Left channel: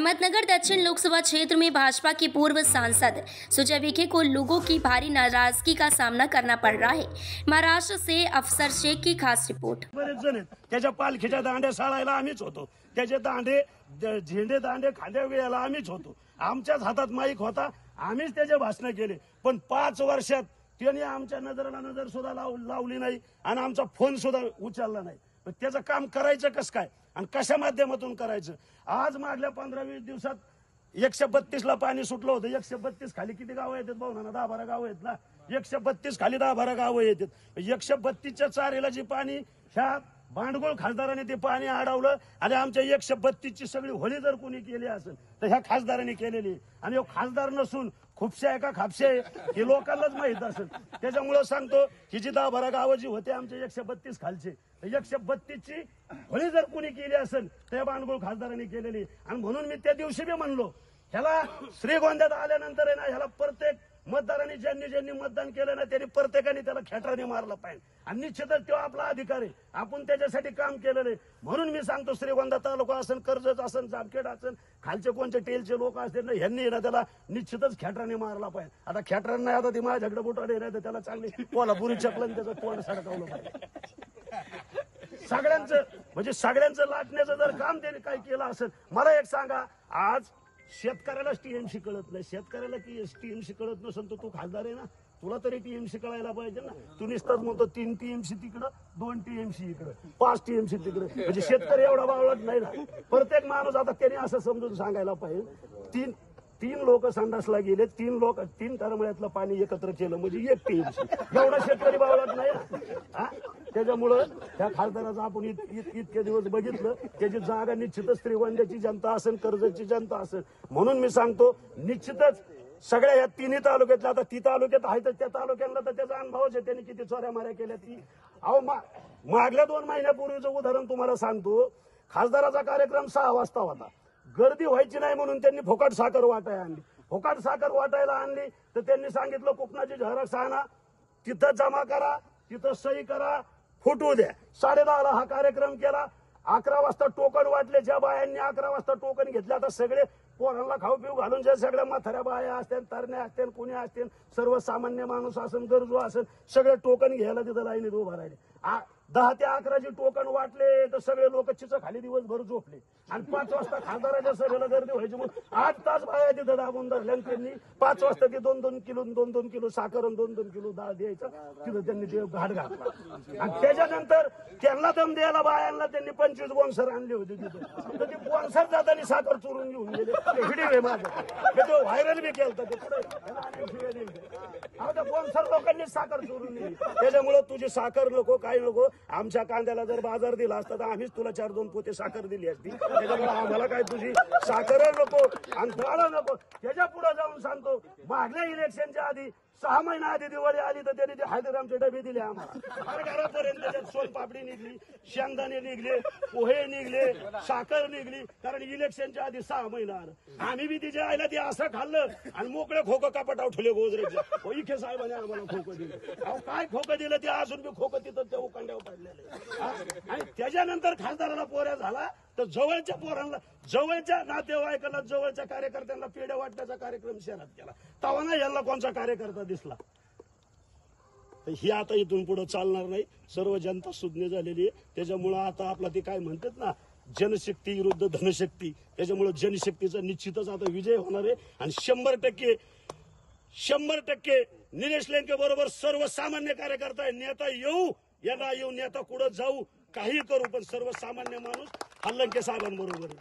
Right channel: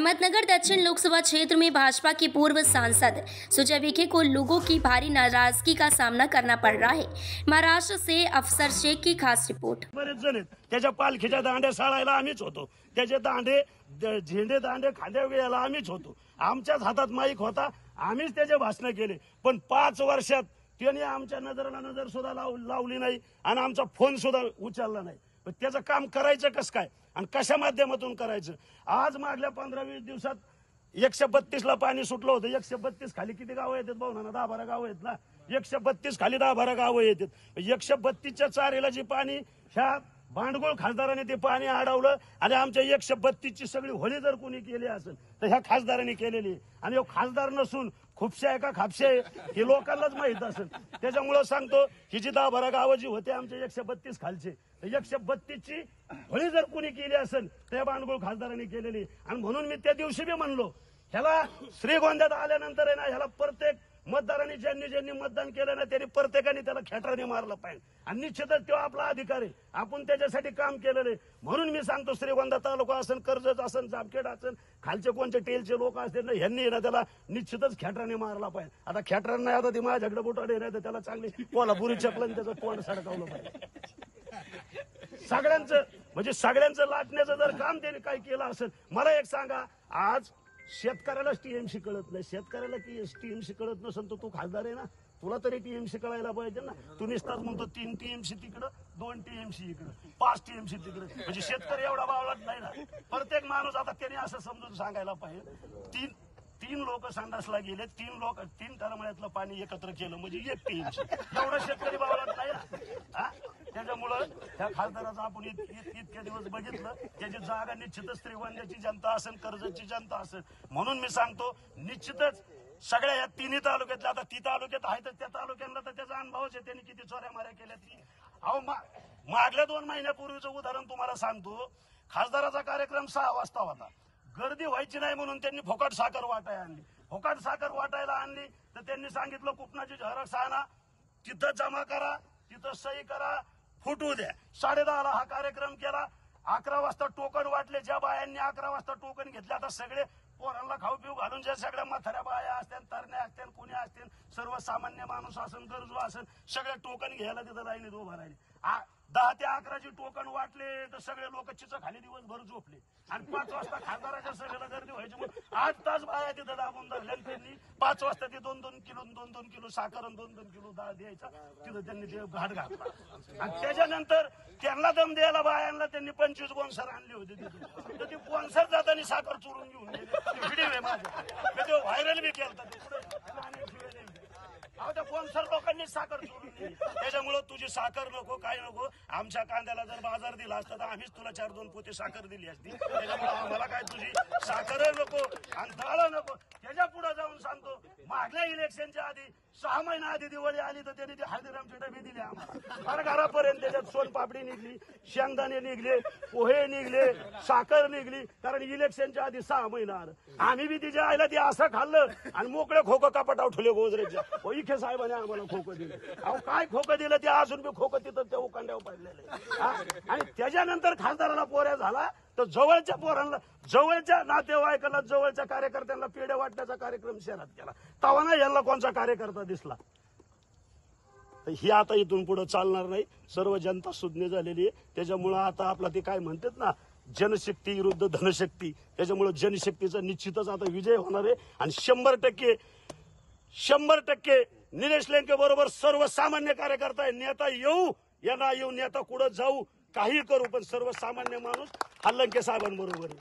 अहमदनगर दक्षिण लोकसभा क्षेत्र में भाजपा की पूर्व सांसद सुजय विखे को लोगों की भारी नाराजगी का सामना करना पड़ रहा है। महाराष्ट्र से अफसर शेख की खास रिपोर्ट। बरेच जण आहेत त्याच्या पालखीच्या दांड्या साळायला आम्हीच होतो, त्याचे दांडे झेंडे दांडे खांद्या वेळेला आम्हीच होतो, आमच्याच हातात माईक होता, आम्हीच त्याचे भाषण केले। पण 5 वर्षात त्यांनी आमच्या नजरेला नजर सुद्धा लावली नाही आणि आमचा फोन सुद्धा उचलला नाही। पण त्याचं काम करायचं कसं काय आणि कशा माध्यमातून करायचं? आज मागल्या 15-20 दिवसात 132 ला पाणी सुटलं होतं। 132 खाली किती गावं येतात भाऊना? 10-12 गावं आहेत ना। 132 खाली 10-12 गावं येतात। 132च्या चारीला जी पाणी ह्या भांडगोळ खासदारांनी ते पाणी अडवलं आणि आमच्या 132ची सगळी होळी जर कोणी केली असेल तर ह्या खासदारांनी केलेली। आणि हो खासदार नसून खुपशे आहे का खापशे हे लोकांनाच माहित असेल। त्याच्यामुळे सांगतो ही जी 10-12 गावं जी होते आमच्या 132 खालचे, 132ची होळी जर कोणी केली असेल तर या भांडगोळ खासदारांनी केलेली। आणि म्हणून मी त्या दिवशी बी म्हणलो ह्याला श्रीगोंद्यात आल्यानंतर आहे ना, ह्याला प्रत्येक मतदारांनी ज्यांनी मतदान केलं ना त्यांनी प्रत्येकाने त्याला खेटराने मारलं पाहिजे आणि निश्चितच तो आपला अधिकार आहे, आपण त्याच्यासाठी काम केलेलं आहे। म्हणून मी सांगतो श्रीगोंदा तालुका असेल, कर्जत असेल, जामखेड असेल, खालचे कोणते टेलचे लोक असतील ना, ह्यांनी ना त्याला निश्चितच खेटराने मारला पाहिजे। आता खेटरांना नाही, आता ती माझ्याकडे बुटाडे नाही तर त्याला चांगली कोल्हापुरी चपलन त्याचं तोंड सडकावलं पाहिजे। सगळ्यांचं लाटण्याचं जर काम त्यांनी काय केलं असेल, मला एक सांगा, आज शेतकऱ्यालाच टीएमसी कळत नाही, शेतकऱ्याला टीएमसी कळत नसेल तर तू खासदार आहे ना, तुला तरी टीएमसी कळायला पाहिजे ना। तू नुसताच म्हणतो 3 टीएमसी तिकडं, 2 टीएमसी इकडं, 5 टीएमसी तिकडं, म्हणजे शेतकरी एवढा बावळत नाही ना। प्रत्येक माणूस आता त्यांनी असं समजून सांगायला पाहिजे, तीन लोक संडासला गेले, 3 तरमळ्यातलं पाणी एकत्र केलं म्हणजे 1 टीएमसी, एवढा शेतकरी बावळत नाही ना। त्याच्यामुळं त्या खासदाराचं आपण इतके दिवस बघितलं, त्याची जागा निश्चितच श्रीगोंद्याची जनता असेल, कर्जतची जनता असेल। म्हणून मी सांगतो निश्चितच सगळ्या या 3 तालुक्यातल्या, आता 3 तालुक्यात आहे तर त्या तालुक्यांना तर त्याचा अनुभवच आहे, त्यांनी किती चोऱ्या माऱ्या केल्या ती। अहो मागल्या 2 महिन्यापूर्वीचं उदाहरण तुम्हाला सांगतो, खासदाराचा कार्यक्रम 6 वाजता होता, गर्दी व्हायची नाही म्हणून त्यांनी फुकट साखर वाटायला आणली। फुकट साखर वाटायला आणली तर त्यांनी सांगितलं कुपनाची झेरॉक्स आणा, तिथं जमा करा, तिथं सही करा, फुटू द्या। 10:30ला हा कार्यक्रम केला, 11 वाजता टोकन वाटले, ज्या बायांनी 11 वाजता टोकन घेतले, आता सगळे पोरांना खाऊ पिऊ घालून ज्या सगळ्या म्हाताऱ्या बाया असतील, तरण्या असतील, कोणी असतील, सर्वसामान्य माणूस असेल, गरजू असेल, सगळे टोकन घ्यायला तिथं लाईनीत उभा राहिले। 10 ते 11 टोकन वाटले तर सगळे लोक चिचं खाली दिवसभर झोपले आणि 5 वाजता खासदाराच्या सभेला गर्दी व्हायची म्हणून 8 तास बाया तिथं दाबून धरल्या। त्यांनी 5 वाजता ते 2-2 किलो साखर आणि 2-2 किलो डाळ द्यायचा, तिथं त्यांनी ते घाट घातला। आणि त्याच्यानंतर त्यांना दम द्यायला बायांना त्यांनी 25 बोनसर आणले होते तिथं, तर ते बोनसर जाताना साखर चोरून घेऊन गेले। ते व्हिडिओ आहे माझं, मी तो व्हायरल बी केलं होतं, बोनसर लोकांनी साखर चोरून नेली। त्याच्यामुळे तुझी साखर नको, काय नको, आमच्या कांद्याला जर बाजार दिला असता तर आम्हीच तुला 4-2 पोते साखर दिली असती। त्याच्यामुळे आम्हाला काय तुझी साखर नको आणि दाल नको। त्याच्या पुढे जाऊन सांगतो, मागल्या इलेक्शनच्या आधी 6 महिना आधी दिवाळी आली तर त्यांनी ते हळदीरामचे डबे दिले आम्हाला, हर घरापर्यंत। त्याच्यात सोनपापडी निघली, शेंगदाणे निघले, पोहे निघले, साखर निघली, कारण इलेक्शनच्या आधी 6 महिना आलं। आम्ही बी तिच्या आईला ते असं खाल्लं आणि मोकळे खोकं कपाट ठेवले गोदरेजच्या। इखे साहेबांनी आम्हाला खोकं दिलं, अहो काय खोकं दिलं ते अजून बी खोकं तिथं त्या उकांड्यावर पडलेले। आणि त्याच्यानंतर खासदाराला पोऱ्या झाला तर जवळच्या पोरांना, जवळच्या नातेवाईकांना, जवळच्या कार्यकर्त्यांना पेढे वाटण्याचा कार्यक्रम शहरात केला, तेव्हा ना यांना कोणचा कार्यकर्ता दिसला। ही आता इथून पुढे चालणार नाही, सर्व जनता सुज्ञ झालेली आहे। त्याच्यामुळं आता आपला ते काय म्हणतात ना, जनशक्ती विरुद्ध धनशक्ती, त्याच्यामुळे जनशक्तीचा निश्चितच आता विजय होणार आहे। आणि 100% निलेश लंके बरोबर सर्वसामान्य कार्यकर्ता आहे। नेता येऊ या ना येऊ, नेता कुठं जाऊ, काही करू, पण सर्वसामान्य माणूस हा लंके साहेबांबरोबर आहे।